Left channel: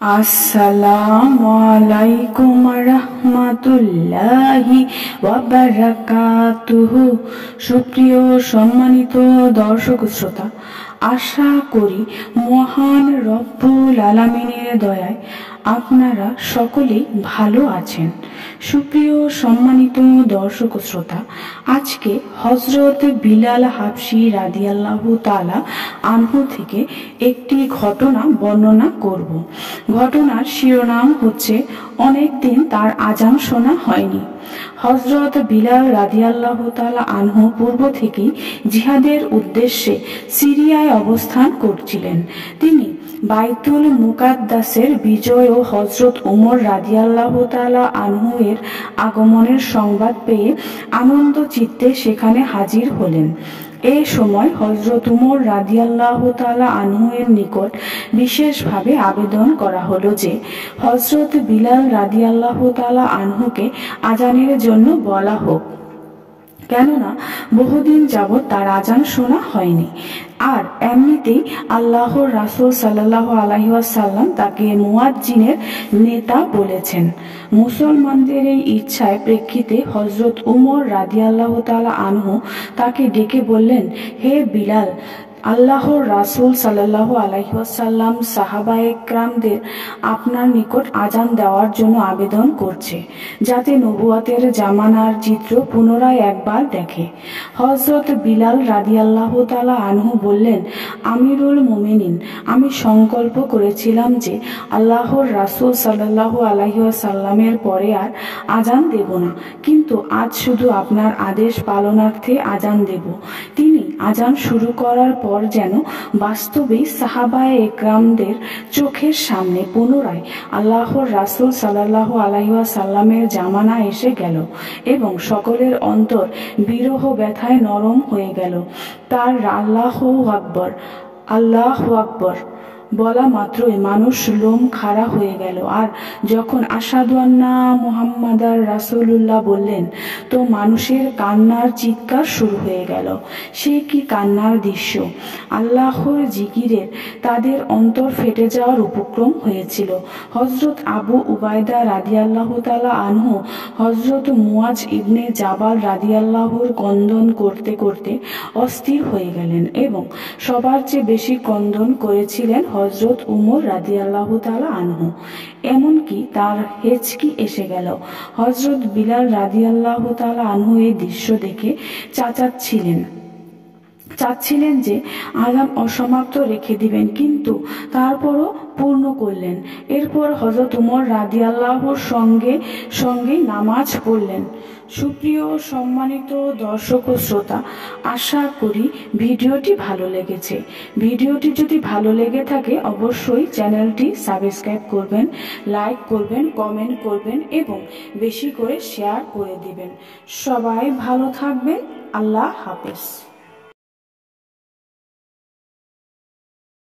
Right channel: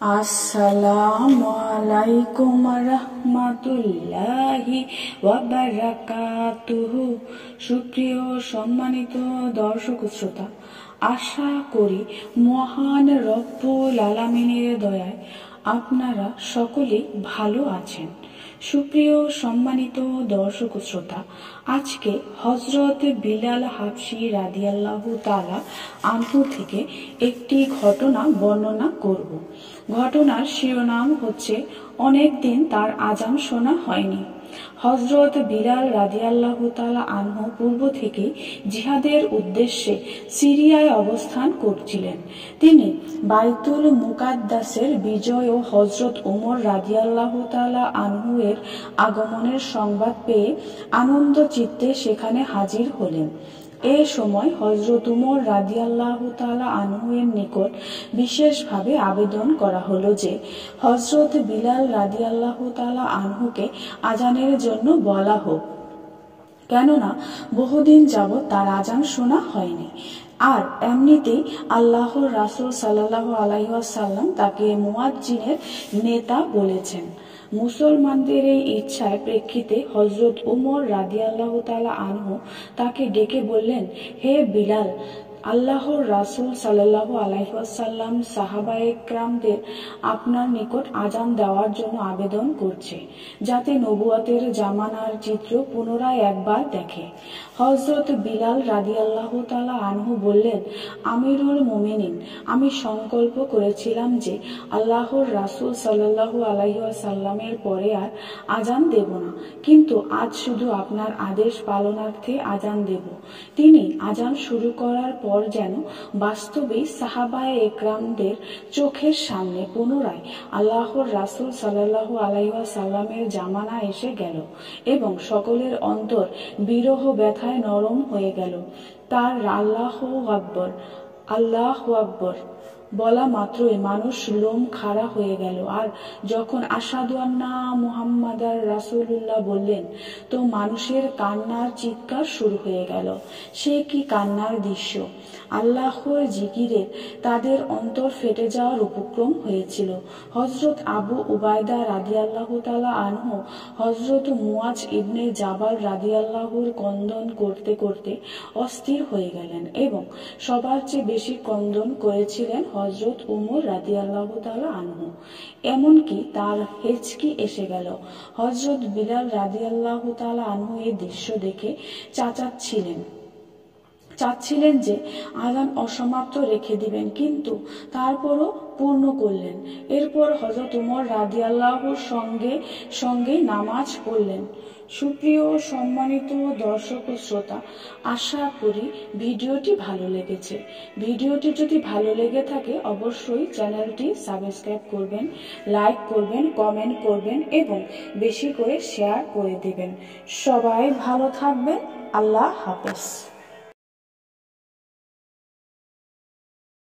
আসসালামু আলাইকুম রাহমাতুল্লাহি ওয়া বারাকাতুহু। সুপ্রিয় সম্মানিত দর্শক শ্রোতা, আশা করি মহান রব্বুল আলামিনের দয়ায় আপনারা সকলেই ভালো আছেন। সুপ্রিয় সম্মানিত দর্শক শ্রোতা, আজকে হযরত বিলাল হাবশী রাদিয়াল্লাহু তাআলা আনহু থেকে একটি ঘটনা বর্ণনা করব। ঘটনার শিরোনাম হচ্ছে অনেকদিন তার আজান শোনা হয়নি। হযরত বিলাল রাদিয়াল্লাহু তাআলা আনহু পূর্ব থেকেই জিহাদের উদ্দেশ্যে সিরিয়ায় অবস্থান করছিলেন। তিনি বাইতুল মুকাদ্দাসের বিজয় ও হযরত উমর রাদিয়াল্লাহু তাআলা আনহু এর আগমনের সংবাদ পেয়ে আনন্দ চিত্তে সেখানে হাজির হলেন। এ সময় হযরত উমর রাদিয়াল্লাহু তাআলা আনহু এর নিকট বিশেষভাবে আবেদন করা হলো যে হযরত বিলাল রাদিয়াল্লাহু তাআলা আনহুকে আজানের জন্য বলা হোক, কেননা বহুদিন যাবৎ তার আজান শোনা হয়নি। আর এমনিতেই আল্লাহর রাসূল সাল্লাল্লাহু আলাইহি ওয়াসাল্লাম তাকে মুয়াজ্জিনের নেতা বলেছেন। মুসলমানদের এই ইচ্ছায় প্রেক্ষিতে হযরত উমর রাদিয়াল্লাহু তাআলা আনহু তাকে ডেকে বললেন, হে বিলাল, আল্লাহর রাসূল সাল্লাল্লাহু আলাইহি ওয়াসাল্লাম সাহাবায়ে কেরামদের আপনার নিকট আজান দেওয়ার জন্য আবেদন করছে, যাতে নবুয়তের জামানার চিত্র পুনরায় একবার দেখে। হযরত বিলাল রাদিয়াল্লাহু তাআলা আনহু বললেন, আমিরুল মুমিনিন, আমি সংকল্প করেছিলাম যে আল্লাহর রাসূল সাল্লাল্লাহু আলাইহি ওয়াসাল্লামের পরে আর আজান দেব না, কিন্তু আজ শুধু আপনার আদেশ পালনার্থে আজান দেব। তিনি আজান শুরু করার পর যেন বাস্তবেই সাহাবায়ে একরামদের চোখের সামনে পুনরায় আল্লাহর রাসূল সাল্লাল্লাহু আলাইহি ওয়াসাল্লামের জামানা এসে গেল এবং সকলের অন্তর বিরহ ব্যথায় নরম হয়ে গেল। তার আল্লাহু আকবার, আল্লাহু আকবার বলা মাত্রই মানুষ লোম খাড়া হয়ে গেল। আর যখন আশহাদু আন্না মুহাম্মাদার রাসূলুল্লাহ বললেন, তো মানুষের কান্নার চিৎকার শুরু হয়ে গেল। সে কি কান্নার দৃশ্য! আল্লাহর জিকিরের তাদের অন্তর ফেটে যাওয়ার উপক্রম হয়েছিল। হযরত আবু উবাইদা রাদিয়াল্লাহু তাআলা আনহু হযরত মুয়াজ ইবনে জাবাল রাদিয়াল্লাহুর ক্রন্দন করতে করতে অস্থির হয়ে গেলেন এবং সবার চেয়ে বেশি ক্রন্দন করেছিলেন হযরত উমর রাদিয়াল্লাহু তাআলা আনহু। এমনকি তার হেঁচকি এসে গেল। হযরত বিলাল রাদিয়াল্লাহু তাআলা আনহু এই দৃশ্য দেখে চাচ্ছিলেন যে আজান অসমাপ্ত রেখে দিবেন, কিন্তু তারপরও পূর্ণ করলেন। এরপর হযরত উমর রাদিয়াল্লাহুর সঙ্গে নামাজ পড়লেন। সুপ্রিয় সম্মানিত দর্শক ও শ্রোতা, আশা করি ভিডিওটি ভালো লেগেছে। ভিডিওটি যদি ভালো লেগে থাকে অবশ্যই চ্যানেলটি সাবস্ক্রাইব করবেন, লাইক করবেন, কমেন্ট করবেন এবং বেশি করে শেয়ার করে দিবেন। সবাই ভালো থাকবেন। আল্লাহ হাফেজ।